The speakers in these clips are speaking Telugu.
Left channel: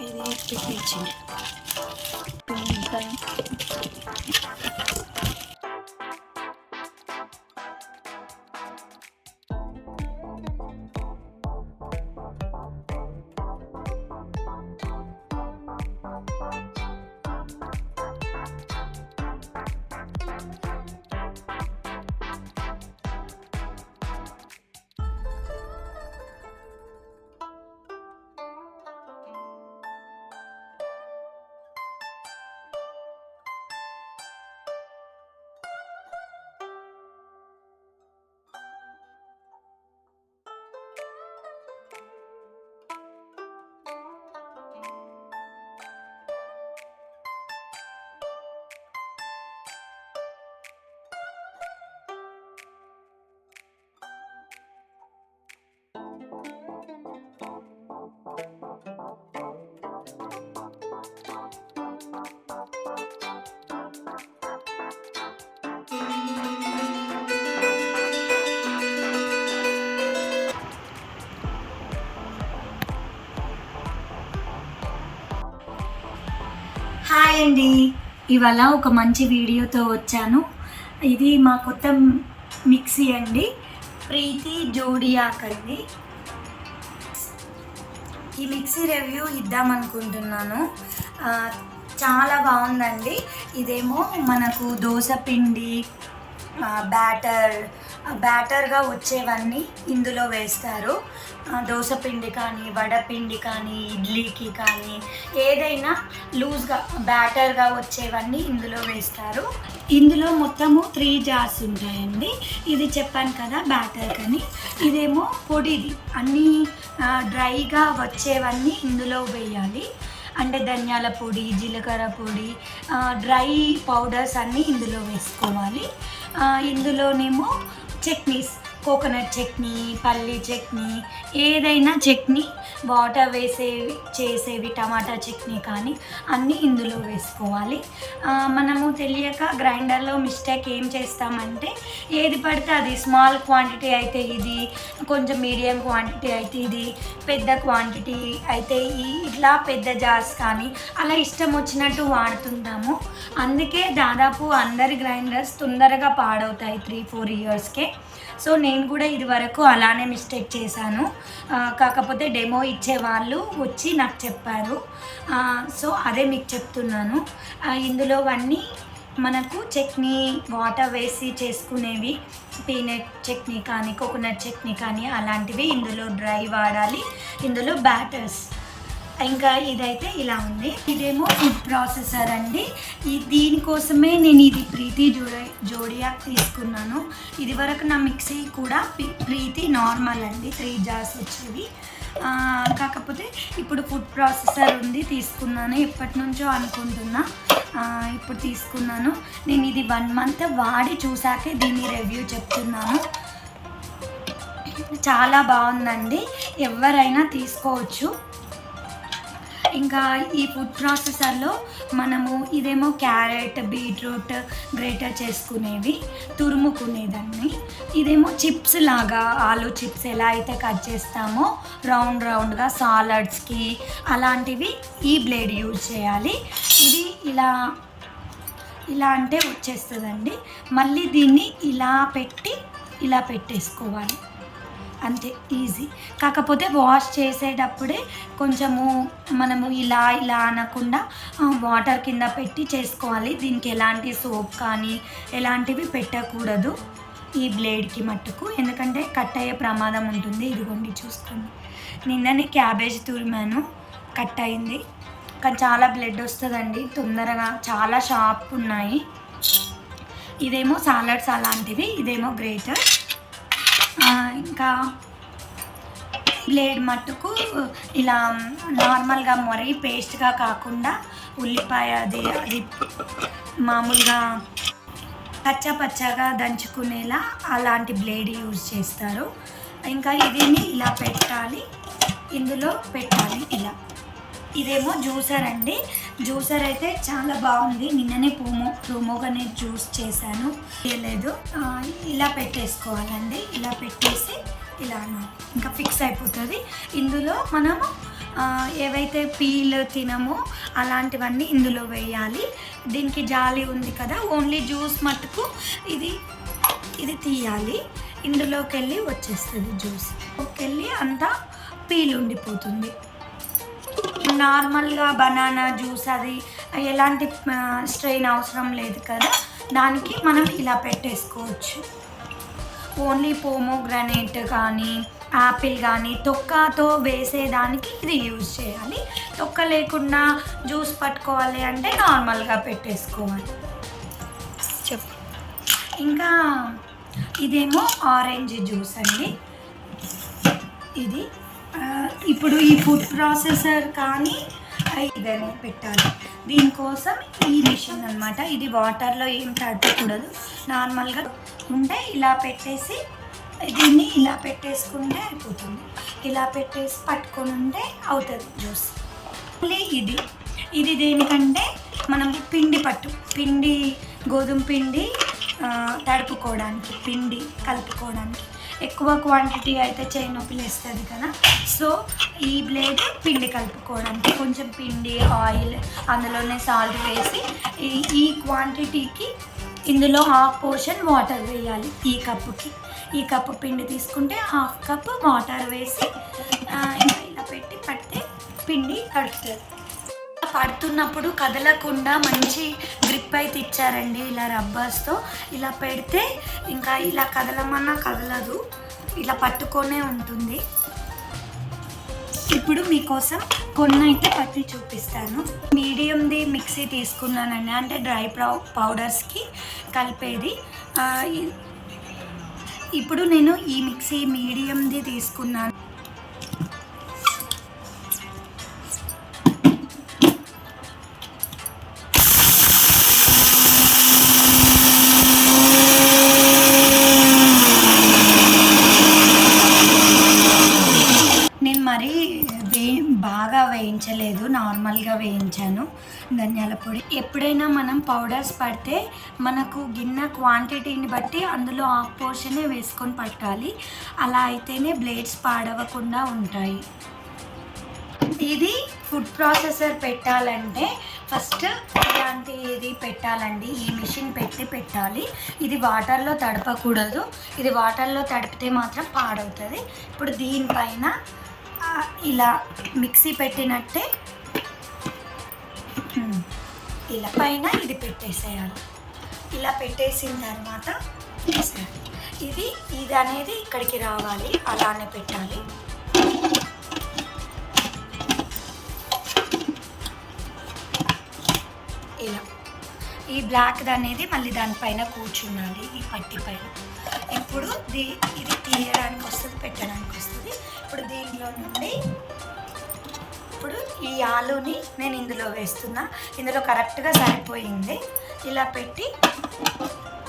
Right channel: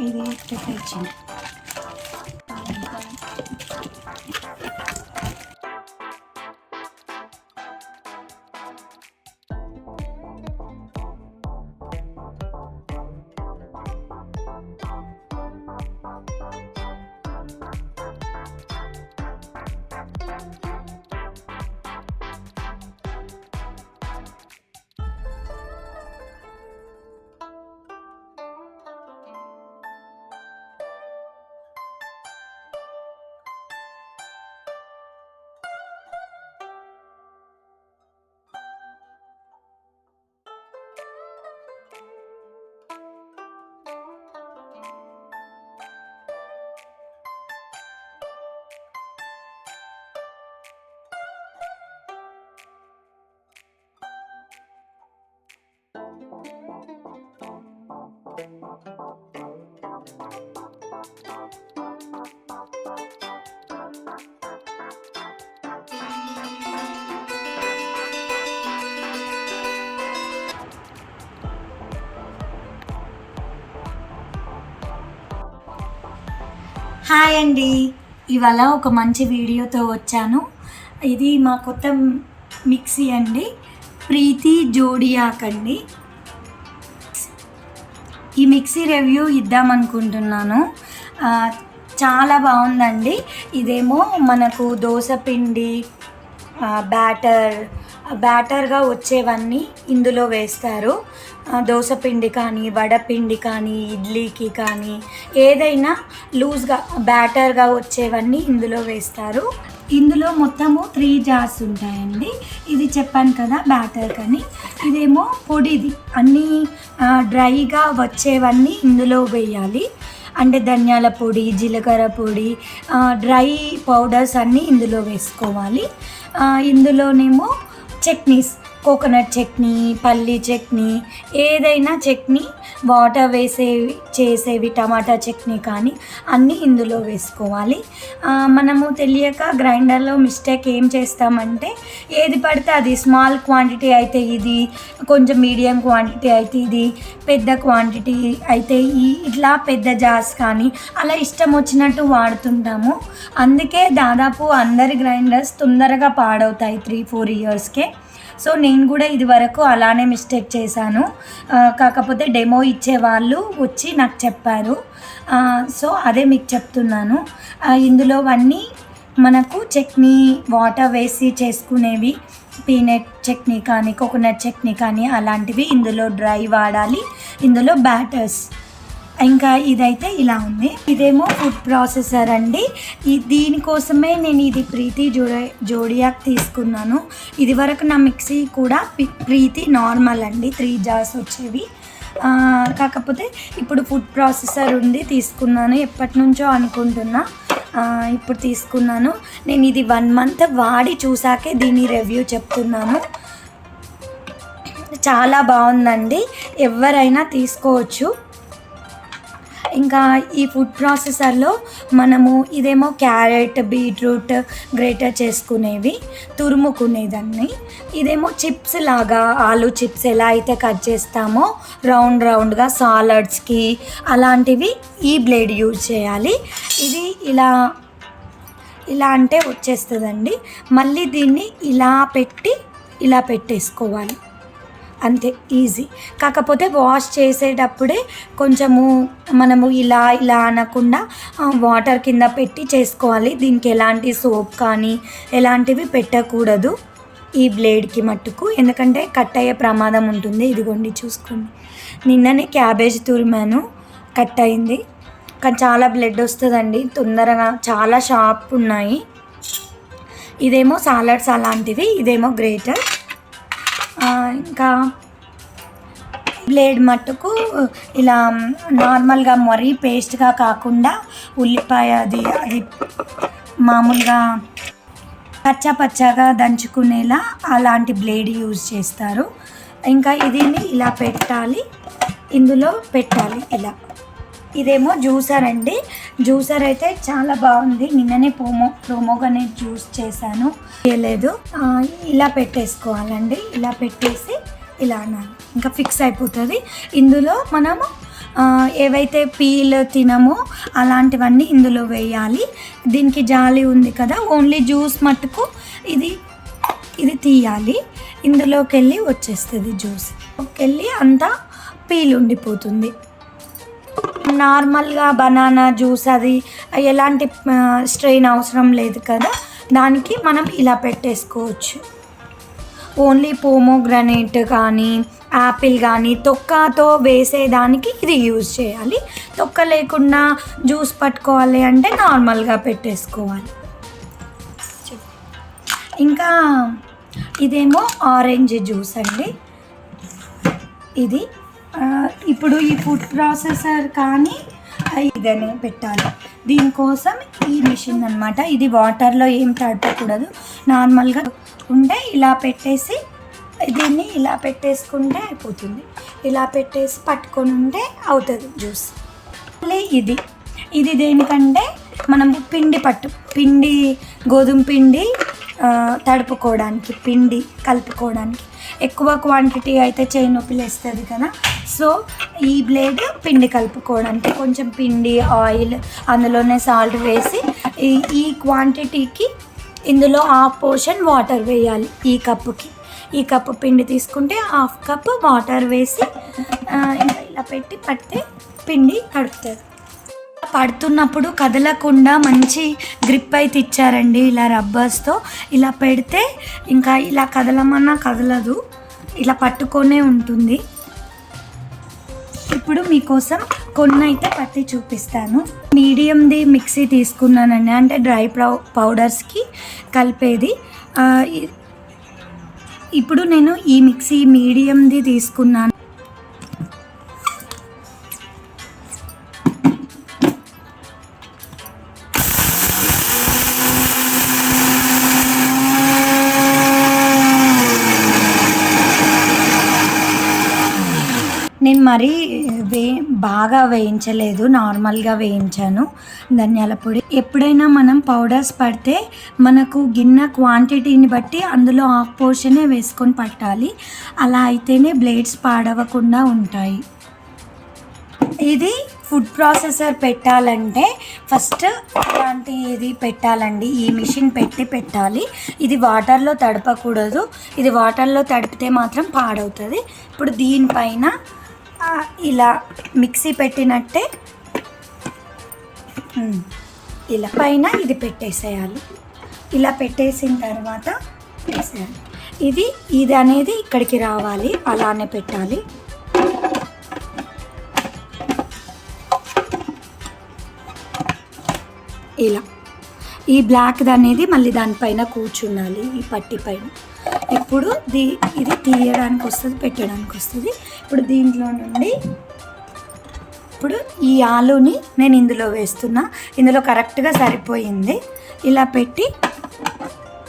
ఇది పెట్టించింది. హాయ్ అండి, ఇవాళ ఒక మంచి వీడియోతో వచ్చాను. ఇది మా కొత్త మిక్సీ అండి, ప్రీతి జోడియాక్ అండి. ఈ మిక్సీ రివ్యూ ఇద్దామనుకుంటున్నాను. చాలా బాగుందండి. ఇదేమో మనకు దోశ పిండి బ్యాటర్గా వచ్చేవన్నీ ఇందులో వేస్తారు. దోసపిండి కానీ, వడపిండి కానీ, ఇడ్లీకి కానీ ఏదైనా లూజ్గా బ్యాటర్గా వచ్చేవన్నీ ఇందులో వేస్తారు. ఇందులో మొత్తము 3 జార్స్ ఉంటాయండి. ఇది చెప్పాను కదా బ్యాటర్ కానీ, ఇదేమో పొడిది, అన్నీ డ్రైగా వచ్చేవన్నీ ఇందులో వేయాలి. అంటే ధనియాల పొడి, జీలకర్ర పొడి, డ్రై పౌడర్స్ అన్నీ ఇందులో వేసుకోవాలి. ఇందులోనేమో చట్నీస్, కోకోనట్ చట్నీ, పల్లీ చట్నీ, ఏదైనా చట్నీ, వాటర్ చేసేవి టమాటా చట్నీ కానీ అన్నీ ఇందులో వేసుకోవాలి. మనము తెలియక గ్రైండర్లో మిస్టేక్ ఏం చేస్తామంటే ఏది పడితే అది, స్మాల్ క్వాంటిటీ అయితే ఇది, కొంచెం మీడియం క్వాంటిటీ అయితే ఇది, పెద్ద క్వాంటిటీ అయితే ఇట్లా పెద్ద జార్స్ కానీ అలా ఇష్టం వచ్చినట్టు వాడుతుంటాము. అందుకే దాదాపు అందరి గ్రైండర్స్ తొందరగా పాడవుతాయి 3-4 ఇయర్స్కే. సో నేను కూడా ఇది వరకు అలానే మిస్టేక్ చేశాను. కాకపోతే డెమో ఇచ్చే వాళ్ళు వచ్చి నాకు చెప్పారు. సో అదే మీకు చెప్తున్నాను. ఇందులోవన్నీ మనకు చట్నీ, వాటర్ వేసి చేసుకునేవి, పీనట్ చట్నీ కానీ, కోకోనట్ చట్నీ కానీ అలాంటివి ఇందులో డ్రై వాడాలి. ఇందులో బ్యాటర్స్. ఇంకా ఇదైతే ఇలా ఉంది. ఇదేమో ఫుడ్ ప్రాసెసర్ అండి. దీనికోసమే నేను ఇది ప్రీతి జోడియాక్ తీసుకున్నాను. ఇది వరకు నా మిక్సీ కూడా ప్రీతి నార్మల్ అండి, 3 జార్స్ వచ్చేవి. కాకపోతే ఇప్పుడు ఫుడ్ ప్రాసెసర్ ఉంది, తీసుకున్నాను. ఎప్పటి నుంచో అనుకుంటున్నా, ఇప్పుడు తీసుకున్నాను. నేను ఇది 1 మంత్ వాడి చూసాకే దీని రివ్యూ చెప్తున్నాను. చాలా బాగుందండి, ఎవరైనా తీసుకోవచ్చు. ఇంకా ఈ ఫుడ్ ప్రాసెసర్లో మనము ఇదేమో క్యారెట్, బీట్రూట్ గ్రేటర్ చేసుకునేవి, తురుముకునేదాన్ని. ఇదేమో చిప్స్ లాగా, ఆలు చిప్స్ ఎలా అయితే కట్ చేస్తామో రౌండ్గా సాలడ్స్కి అలాంటివి ఈ బ్లేడ్ యూజ్ చేయాలి. ఇది ఇలా అంటే వచ్చేస్తుందండి. మళ్ళీ దీన్ని ఇలా పెట్టేసుకోవాలి, అంతే, ఈజీ. కాకపోతే వాష్ చేసేటప్పుడే కొంచెము మనము ఇలా అనకుండా వాటర్ కింద పెట్టి చేసుకోవాలి. దీనికి ఎలాంటి సోప్ కానీ ఎలాంటివి పెట్టకూడదు ఈ బ్లేడ్కి మట్టుకు, ఎందుకంటే కట్ అయ్యే ప్రమాదం ఉంటుంది. ఇదిగోండి చూసుకోండి, నిన్ననే క్యాబేజ్ తురిమాను, కట్ అయింది. కానీ చాలా బ్లడ్ వస్తుందండి తొందరగా, చాలా షార్ప్ ఉన్నాయి. ఇదేమో సాలడ్స్ అలాంటివి, ఇదేమో గ్రేటర్. ఇంకా బ్లేడ్ మట్టుకు ఇలా నార్మల్గా మరీ పేస్ట్గా కాకుండా ఉల్లిపాయ అది మామూలుగా పచ్చగా దంచుకునేలా అలాంటి బ్లేడ్ యూజ్ చేస్తారు. ఇంకా ఇదిని ఇలా పెట్టాలి, ఇందులో పెట్టాలి ఇలా. ఇదేమో జ్యూసర్ అండి. జ్యూసర్ అయితే చాలా బాగుంది. నిన్ననే ప్రోమోగానేట్ జ్యూస్ చేశాను, చేయలేదు. ఇలా పెట్టేసుకోవాలండి. ఇలా పెట్టేసి ఇలా అనాలి, ఇంకా ఫిక్స్ అయిపోతుంది. ఇందులో మనము ఏవైతే పీల్ తినమో అలాంటివన్నీ ఇందులో వేయాలి. దీనికి జాలి ఉంది కదా, ఓన్లీ జ్యూస్ మట్టుకు ఇది తీయాలి. ఇందులోకి వెళ్ళి వచ్చేస్తుంది జ్యూస్, వెళ్ళి అంతా పీల్ ఉండిపోతుంది. నార్మల్గా బనానా జ్యూస్ అది ఎలాంటి స్ట్రెయిన్ అవసరం లేదు కదా, దానికి మనం ఇలా పెట్టేసుకోవచ్చు. ఓన్లీ పోమోగ్రనేట్ కానీ యాపిల్ కానీ తొక్కతో వేసేదానికి ఇది యూజ్ చేయాలి. తొక్క లేకుండా జ్యూస్ పట్టుకోవాలి అంటే నార్మల్గా పెట్టేసుకోవాలి. ఇంకా ఇదేమో ఆరెంజ్ జ్యూస్ అండి. ఇది ఇప్పుడు ఈ ఫుడ్ ప్రాసెసర్ కానీ ఇదనే పెట్టాలి. దీనికోసం ఈ మిషన్ అనమాట. ఇది వాటర్లో ఏం తడపకూడదు, నార్మల్గా ఉంటే ఇలా పెట్టేసి దీన్ని ఇలా పెట్టేసుకుంటే అయిపోతుంది. ఇలా పెట్టేసి పట్టుకొని ఉంటే అవుతుంది జ్యూస్. ఇది దేనికంటే మనం పిండి గోధుమ పిండి తడుపుకోవడానికి, పిండి కలుపుకోవడానికి. ఎక్కువ క్వాంటిటీ అయితే చేయి నొప్పి లేస్తుంది కదా, సో ఈ బ్లేడ్ పిండి కలుపుకోవడానికి. కొంచెం పిండి, ఆయిల్, అందులోనే సాల్ట్ వేసి ఈ క్వాంటిటీకి ఇందులో హాఫ్ పోర్షన్ వాటర్ వేయాలి. ఈ కప్పు పిండి తీసుకుంటే హాఫ్ కప్ వాటర్ వేసి ఇంకా ఇలా పెట్టి పడితే పిండి కడుపుతుంది. పడుతున్నప్పుడు కదలకుండా మంచి గ్రిప్ అయితే ఇచ్చారండి. ఇలా రబ్బర్స్తో ఇలా పెడితే ఇంకా ఇలా కదలమన్నా కదలదు, ఇలా పట్టుకొనే ఉంటుంది. ఇప్పుడు మీకోసం కొన్ని అయితే పట్టి చూపిస్తాను. మీడియంది మిక్సీ తీసుకున్నానండి, అంటే డ్రై పౌడర్స్కి కలిపేది. ఇప్పుడు నేను ఈ మిక్సీ మీడియంది తీసుకున్నాను. నేను మరీ బాగా వేయించలేదు, నార్మల్గా వేయించాను ధనియాల పొడి. ఎప్పుడైనా మనం పౌడర్స్ పడితే మనకు గిన్నె క్వాంటిటీని బట్టి అందులో హాఫ్ పోర్షనే వేసుకొని పట్టాలి. అలా అయితేనే బ్లేడ్స్ పాడవకుండా ఉంటాయి. ఇది ఫుడ్ ప్రాసెసర్ పెట్టాలంటే ఫస్ట్ ఇలాంటిది పెట్టాలండి. ఈ మిషన్ పెట్టాలి. ఇది వాటర్లో తడపకూడదు, ఇది వాటర్లో తడిపితే మాత్రం పాడవుతుంది. ఇప్పుడు దీనిపైన ఇలా మిక్సీ పెట్టినట్టే ఇలా పైన ఇది పెట్టేసేయాలి. ఇలా పెట్టేసిన తర్వాత వేసేయాలి. ఇది అనేది ఇక్కడికి రావాలి, అలానే పెట్టాలి. ఇలా ఈ బ్లాక్ది అనేది మళ్ళీ దానిపైన కూర్చుండాలి, ఈ పట్టి పైన. ఇప్పుడు ఇది తీయడానికి వస్తుంది, పెట్టడానికి వస్తుంది. ఇప్పుడు దీంట్లో నుండి ఇప్పుడు ఈ ఆలుని నేను ఇందులో వేస్తున్నా. ఇందులో కరెక్ట్గా సరిపోయింది. ఇలా పెట్టి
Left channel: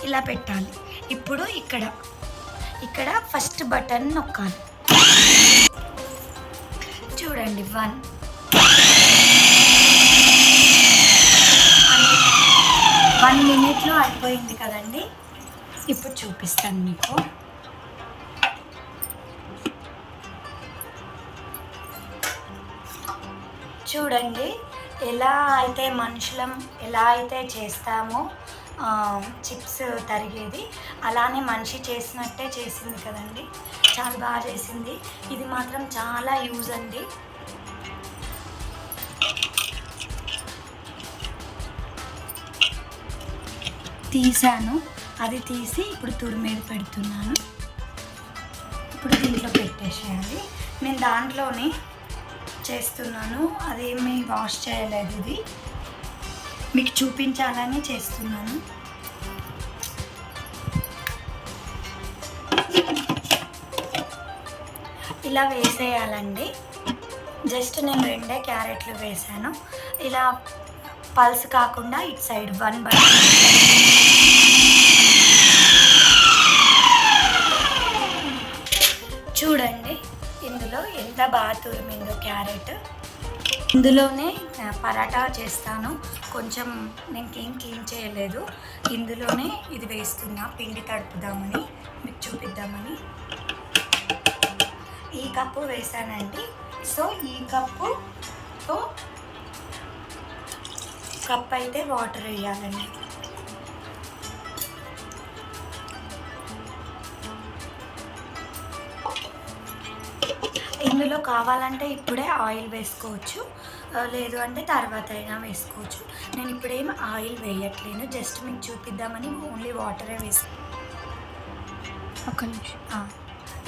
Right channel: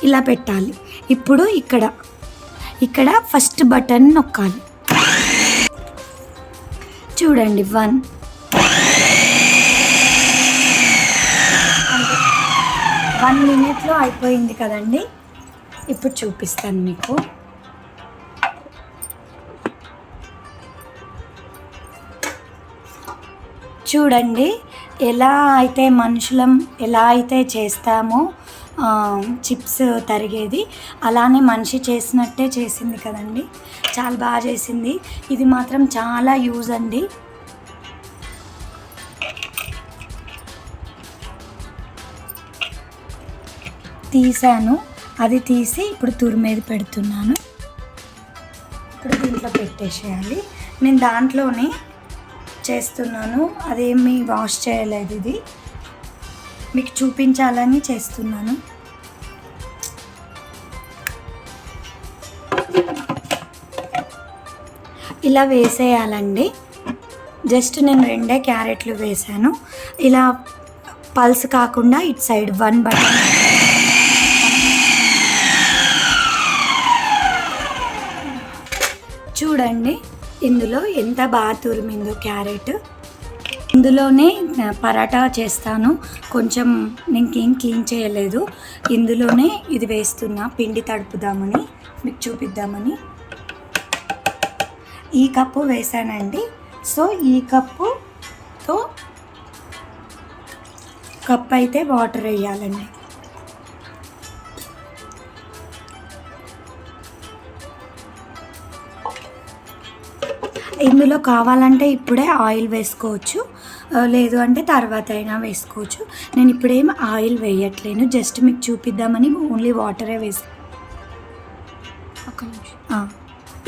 ఇలా పెట్టాలి. ఇప్పుడు ఇక్కడ ఫస్ట్ బటన్ నొక్కాలి. చూడండి 1 మినిట్లో అయిపోయింది కదండి. ఇప్పుడు చూపిస్తాను మీకు. చూడండి ఎలా అయితే మనుషులం ఎలా అయితే చేస్తామో చిప్స్ తరిగేది, అలానే మనిషి చేసినట్టే చేసింది కదండి. చాలా బాగా చేసింది. ఇది మాత్రం చాలా యూజ్ అండి. తీసాను, అది తీసి ఇప్పుడు తురిమేది పెడుతున్నాను. ఇప్పుడు దీంట్లో పెట్టేసేయాలి. నేను దాంట్లోనే చేస్తున్నాను, అదేమీ వాష్ చేయలేదు. ఇది మీకు చూపించాలని చేస్తున్నాను. ఇలా వేసేయాలండి. జస్ట్ నేను 2 క్యారెట్లు వేసాను. ఇలా పల్స్ కాకుండా ఇటు సైడ్ 1 బటన్ చూడండి ఇందులో ఎంత బాగా తురిమిందో క్యారెట్. ఇందులోనే పరాటా చేస్తాను. కొంచెం నేను క్లీన్ చేయలేదు. ఇందులోనే ఇది వేస్తున్నా, పిండి తడుపుదామని మీకు చూపిద్దామని. ఈ కప్పు వేసానండి. సో ఈ కప్పు అయితే వాటర్ వేయాలండి. ఇందులో కావాలంటే ఇప్పుడే ఆయిల్ వేసుకోవచ్చు, లేదు అంటే తర్వాత అయినా వేసుకోవచ్చు. నేను ఇప్పుడేం ఆయిల్ వేయట్లేను, జస్ట్ మీకు చూపిద్దామని ఓన్లీ వాటరే వేసి.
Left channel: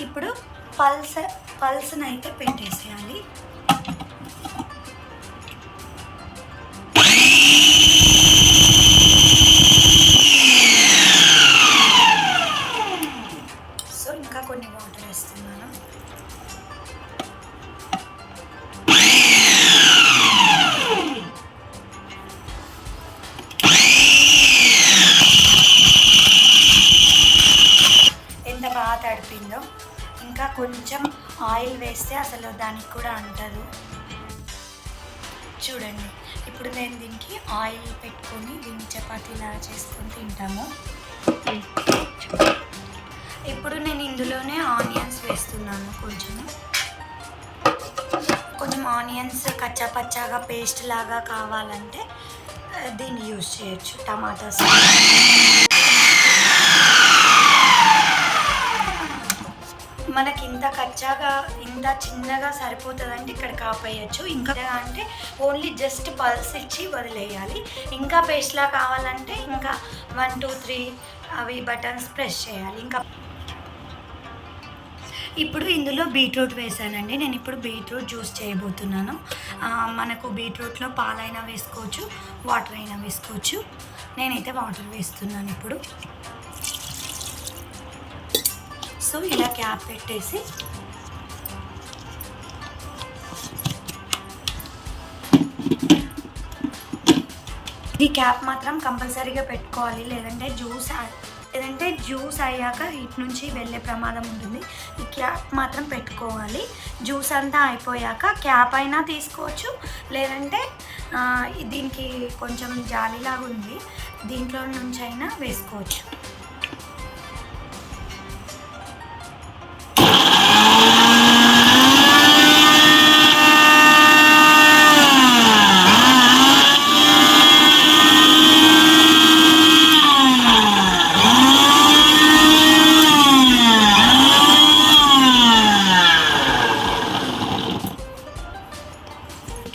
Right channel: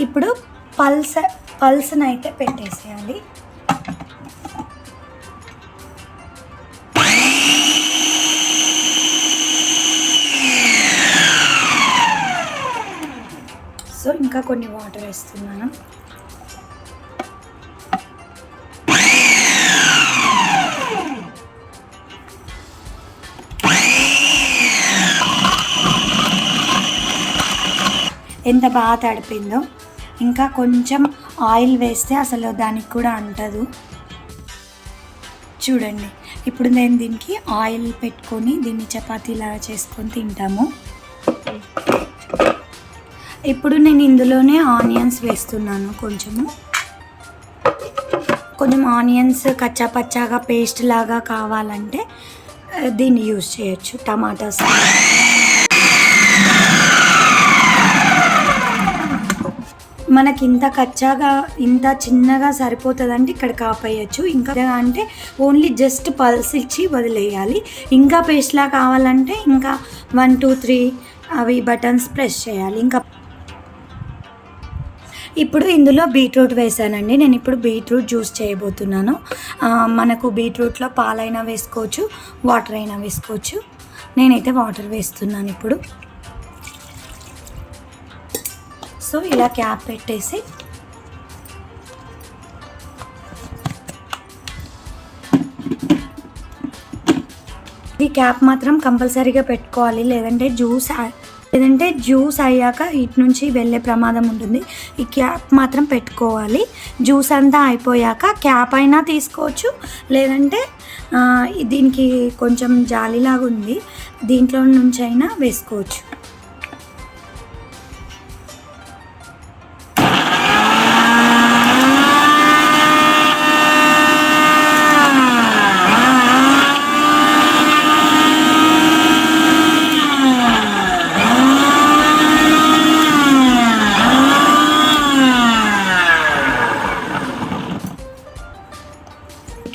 ఇప్పుడు పల్స్ని అయితే పెట్టేసేయాలి. సో ఇంకా కొన్ని వాటర్ వేస్తున్నాను. ఎంత బాగా తడిపిందో. ఇంకా కొంచెం ఆయిల్ వేస్తే అసలు దానికి కూడా అంటదు. చూడండి ఇప్పుడు నేను దీనికి ఆయిల్ పెట్టుకొని దీన్ని చపాతీలా చేసుకొని తింటాము. ఇప్పుడు నేను ఇందులోనే ఆనియన్స్ వేస్తున్నాను. కొంచెం ఆనియన్స్ కచ్చా పచ్చాగా పేస్ట్ లాగా కావాలంటే దీన్ని యూజ్ చేయొచ్చు. టమాటాస్ మనకి ఇంత కచ్చాగా ఇంత చిన్నగా సరిపోతుందంటే ఇక్కడ కాపేయచ్చు. ఇంకా అంటే ఓన్లీ జస్ట్ పల్స్ ఇచ్చి వదిలేయాలి. ఇంకా పేస్ట్లా కావాలంటే ఇంకా 1 2 3 అవి బటన్స్ ప్రెస్ చేయాలి. ఇంకా ఇప్పుడు ఇందులో బీట్రూట్ వేసానండి. నేను ఇప్పుడు బీట్రూట్ జ్యూస్ చేయబోతున్నాను. మనకు బీట్రూట్లో పాలైనా వేసుకోవచ్చు, వాటర్ అయినా వేసుకోవచ్చు. నేనైతే వాటర్ వేస్తున్నాను ఇప్పుడు. సో ఇలా క్యాప్ పెట్టేసి ఈ క్యాప్ మాత్రం కంపల్సరీగా పెట్టుకోవాలి, లేదంటే జ్యూస్ అయ్యాక ఇటు నుంచి వెళ్ళే ప్రమాదం ఉంటుంది. ఈ క్యాప్ మాత్రం పెట్టుకోవాలి. జ్యూస్ అంతా అయిపోయాక క్యాప్ అయినా తీసుకోవచ్చు, లేదంటే దీనికి కొంచెం జాలీలాగా ఉంది, దీంట్లో నుంచి అయినా వేసుకోవచ్చు.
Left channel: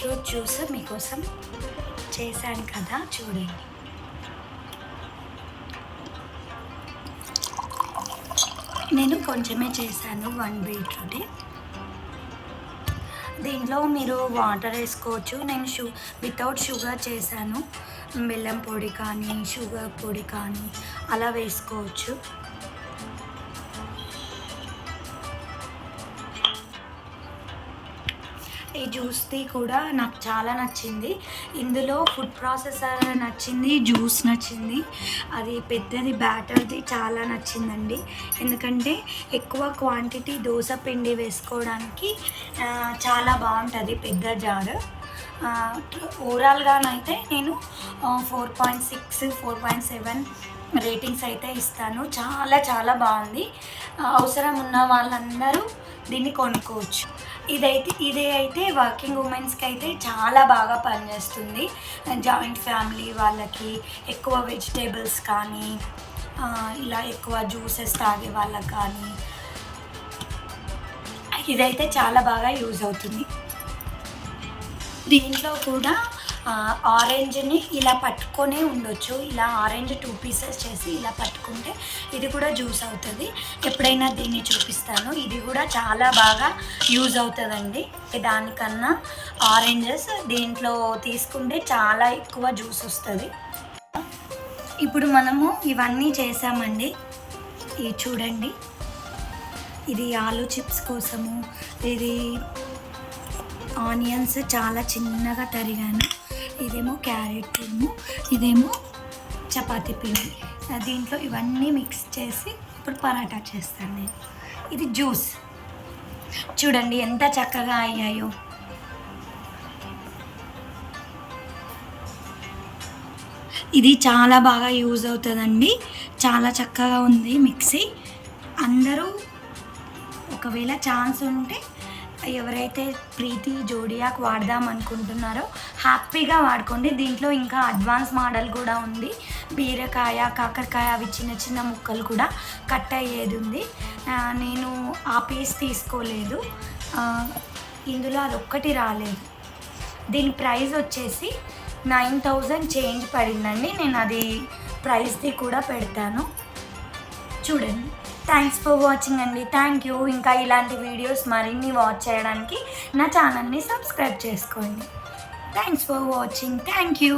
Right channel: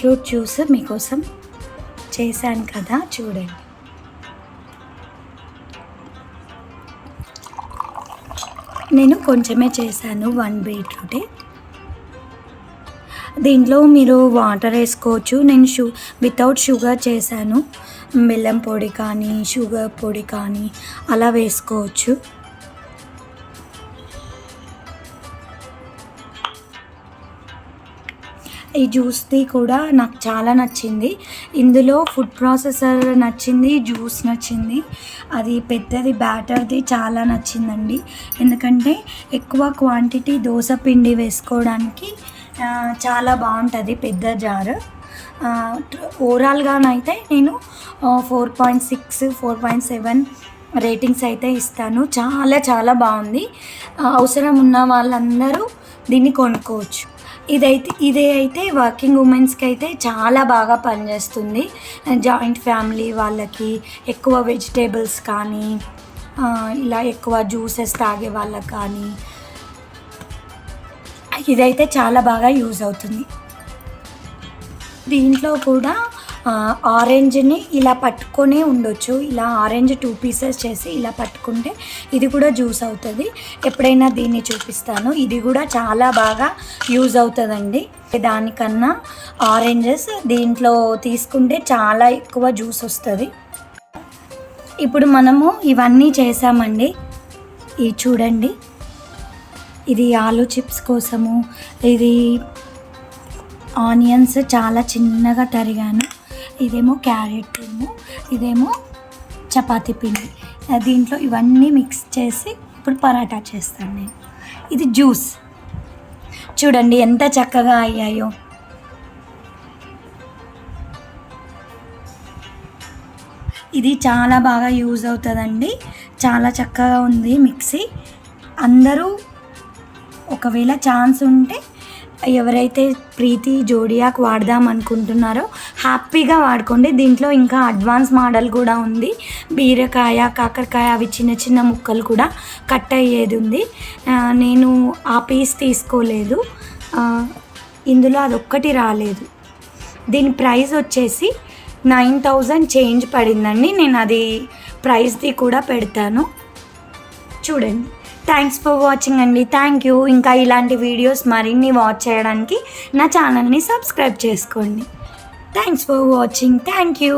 బీట్రూట్ జ్యూస్ మీకోసం చేశాను కదా, చూడండి. నేను కొంచెమే చేశాను, 1 బీట్రూటే. దీంట్లో మీరు వాటర్ వేసుకోవచ్చు. నేను వితౌట్ షుగర్ చేశాను. బెల్లం పొడి కానీ షుగర్ పొడి కానీ అలా వేసుకోవచ్చు. ఈ జ్యూస్ది కూడా నాకు చాలా నచ్చింది. ఇందులో ఫుడ్ ప్రాసెసర్ నచ్చింది, జ్యూస్ నచ్చింది, అది పెద్దది బ్యాటర్ది చాలా నచ్చిందండి. ఎందుకంటే ఎక్కువ క్వాంటిటీ దోశ పిండి వేసుకోవడానికి చాలా బాగుంటుంది పెద్ద జార్. ఓవరాల్గానైతే నేను 4.6 4.7 రేటింగ్స్ అయితే ఇస్తాను. చాలా చాలా బాగుంది. అవసరం ఉన్న వాళ్ళందరూ దీన్ని కొనుక్కోవచ్చు. ఇదే అయితే వర్కింగ్ ఉమెన్స్కి అయితే చాలా బాగా పనిచేస్తుంది. జాయింట్ ఫ్యామిలీ వాళ్ళకి, ఎక్కువ వెజిటేబుల్స్ కానీ ఇలా ఎక్కువ జ్యూసెస్ తాగే వాళ్ళకి కానీ ఇదైతే చాలా బాగా యూజ్ అవుతుంది. దీంట్లో కూడా ఆరెంజ్ని ఇలా పట్టుకొనే ఉండొచ్చు. ఇలా ఆరెంజ్ 2 పీసెస్ చేసి ఇలా పట్టుకుంటే ఇది కూడా జ్యూస్ అవుతుంది. ఎప్పుడైనా దీన్ని చూపిస్తాను. ఇది కూడా చాలా బాగా యూజ్ అవుతుందండి. దానికన్నా ఆరెంజెస్ దీంట్లో తీసుకుంటే చాలా ఎక్కువ జ్యూస్ వస్తుంది. ఇప్పుడు మనము ఇవన్నీ చేసామండి. ఇది చూడండి, ఇది ఆలూ చిప్స్ కోసము, ఇది ఆనియన్స్ చాలా చిన్నగా తరిగాను, ఇదేమో క్యారెట్ తురుము, ఇదేమో చపాతీ పిండి. దీంట్లో ఇవన్నీ మిక్స్ చేసి ఇప్పుడు పరాటా చేస్తాను నేను. ఇది జ్యూస్. చూడండి ఎంత చక్కగా అయ్యాయో. ఇది చాలా బాగా యూజ్ అవుతుందండి. చాలా చక్కగా ఉంది మిక్సీ. అందరూ ఒకవేళ ఛాన్స్ ఉంటే ఎవరైతే ప్రీతి జోడియాక్ వాడదాం అనుకుంటున్నారో హ్యాపీగా వాడుకోండి. దీంట్లో ఇంకా అడ్వాన్స్ మోడల్ కూడా ఉంది. బీరకాయ, కాకరకాయ అవి చిన్న చిన్న ముక్కలు కూడా కట్ అయ్యేది ఉంది. నేను ఆ పీస్ తీసుకోలేదు, ఇందులో అదొక్కటి రాలేదు. దీని ప్రైస్ వచ్చేసి 9,000 చేంజ్ పడిందండి. నేను అది ప్రైస్ది కూడా పెడతాను చూడండి. థ్యాంక్స్ ఫర్ వాచింగ్ అండి. Thank you. ఇంకా ఇలాంటి వీడియోస్ మరిన్ని వాచ్ చేయడానికి నా ఛానల్ని సబ్స్క్రైబ్ చేసుకోండి. Thanks for watching. Thank you.